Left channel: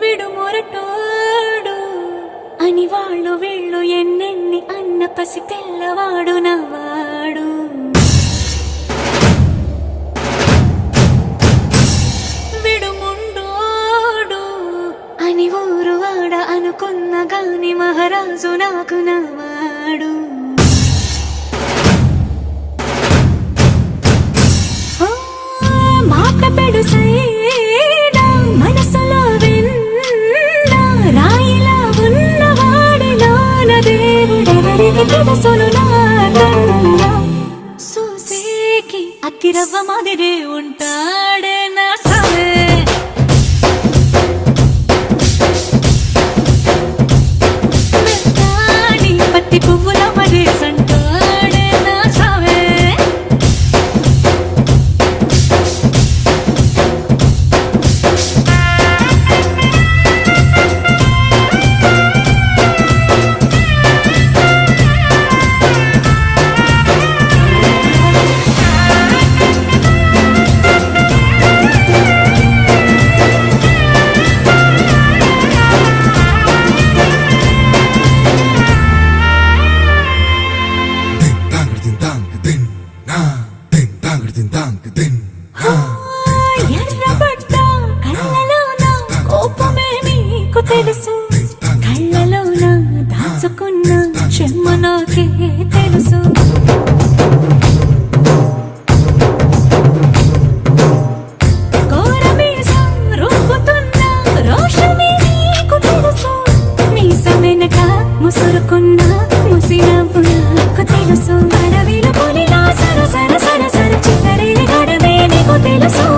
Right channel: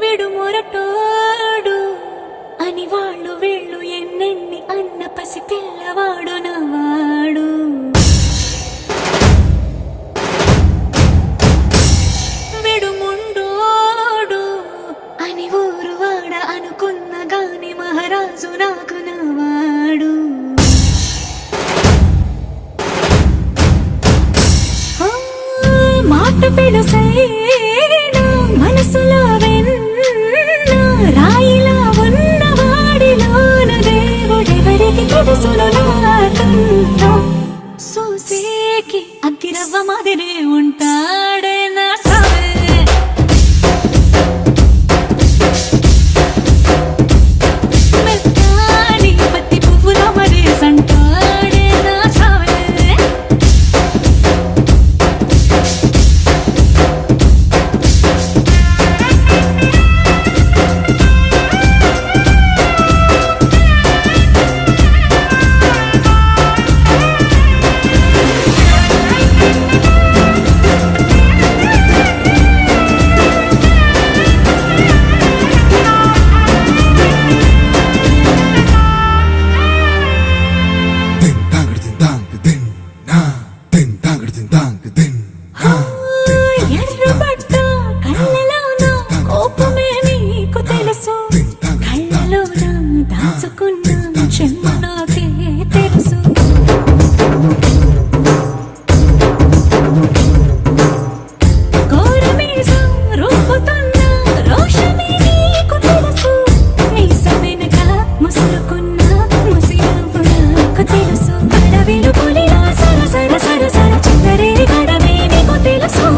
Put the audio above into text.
విడు మొరటోడు అని వాళ్ళు వీళ్ళు ఎన్నెన్ని అన్న పసి పిల్లవాడు నవాడు. విడు ముండోడు అని ఊరు వాడ అనుకున్న గాని మహారాజు నాకు నవాడు. మాట పెడుసైనా మనసులో వెన్న రాయిలా ఉన్నవాడిలోన దేవుడెవరికి తెలుసును నాకన్నా. సూసేకి అగ్గిరవ్వ మాదిరి ఉంటాడే నా సావే. మెత్తాని పత్తి పువ్వుల మరి సంటాడే నా సావే. ఎర్రబడ్డ కళ్ళలోన కోపమే నీకు తెలుసు, కళ్ళలోన దాచుకున్న చెమ్మ నాకే తెలుసు. కోరమీసం రుబ్బుతున్న రోషమే నీకు తెలుసు, మీసమెనక ముసురుకున్న ముసినవ్వు నాకు తెలుసు. అడవిలు పులిలా సర సర సర సర చిల్లరే గడమే నీకు తెలుసు.